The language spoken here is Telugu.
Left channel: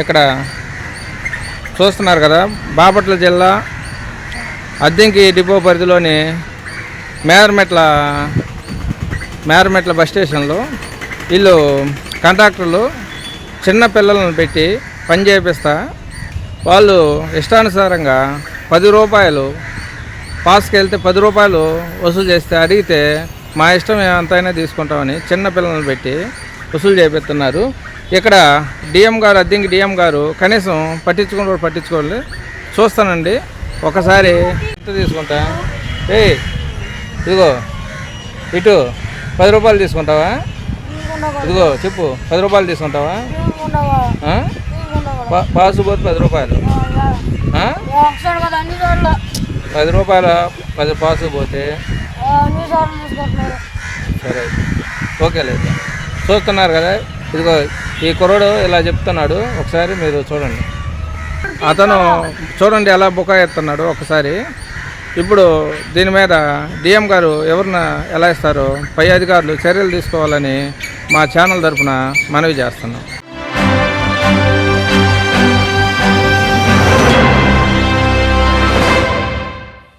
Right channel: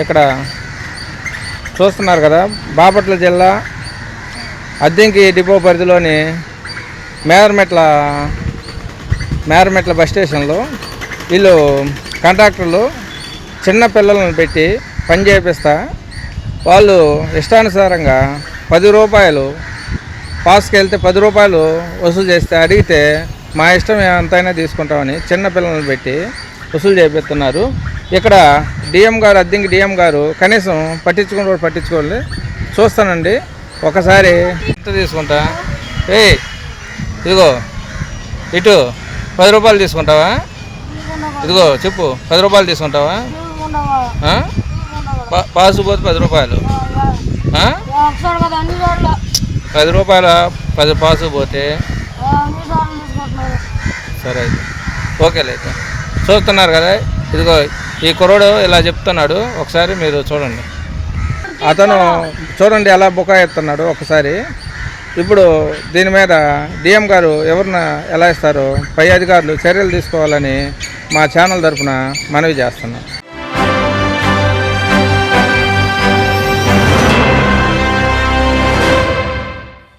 ఇక్కడ చూస్తున్నారు కదా, బాపట్ల జిల్లా అద్దెంకి డిపో పరిధిలోని మేరమెట్ల బస్ స్టేషన్లో వీళ్ళు కాంట్రాక్టర్లు చిన్న పిల్లలను పెట్టి పని చేపిస్తా వాళ్ళు ఇష్టానుసారంగా 10 రూపాయలు పాస్కి వెళ్తే 10 రూపాయలు వసూలు చేస్తే అడిగితే మా ఇష్టం ఎంతైనా తీసుకుంటామని చిన్న పిల్లలను పెట్టి వసూలు చేపిస్తున్నారు. ఇక్కడ డిఎం గారు, అద్దెంకి డిఎం గారు కనీసం పట్టించుకోవాలి. చూస్తానండి ఒకసారి ఎంత తీసుకుంటా. ఇదిగో ఇటు 10 రూపాయలు తీసుకుంటావా? ఇదిగో చెప్పు, 10 రూపాయలు తీసుకుంటావా? పాసు పోతే 10 రూపాయలు, 10 రూపాయల 10 పాసు పోతే సరే ఓకే. లేదు చూస్తున్నారు కదా, ఇదిగో ఈ కుర్రోడు ఇలా చెప్తున్నాడు. ఒకసారి మీరు చూడండి, అతను చూడండి ఎలా బుకాయిస్తున్నాడు ఒకసారి. ఇప్పుడు దీని మీద డిఎం గారు ఎవరిన ఎలా ఇస్తారో పై అధికారులు చర్యలు తీసుకోవాలని మా ఛానల్ తరఫున మనవి చేస్తున్నాం.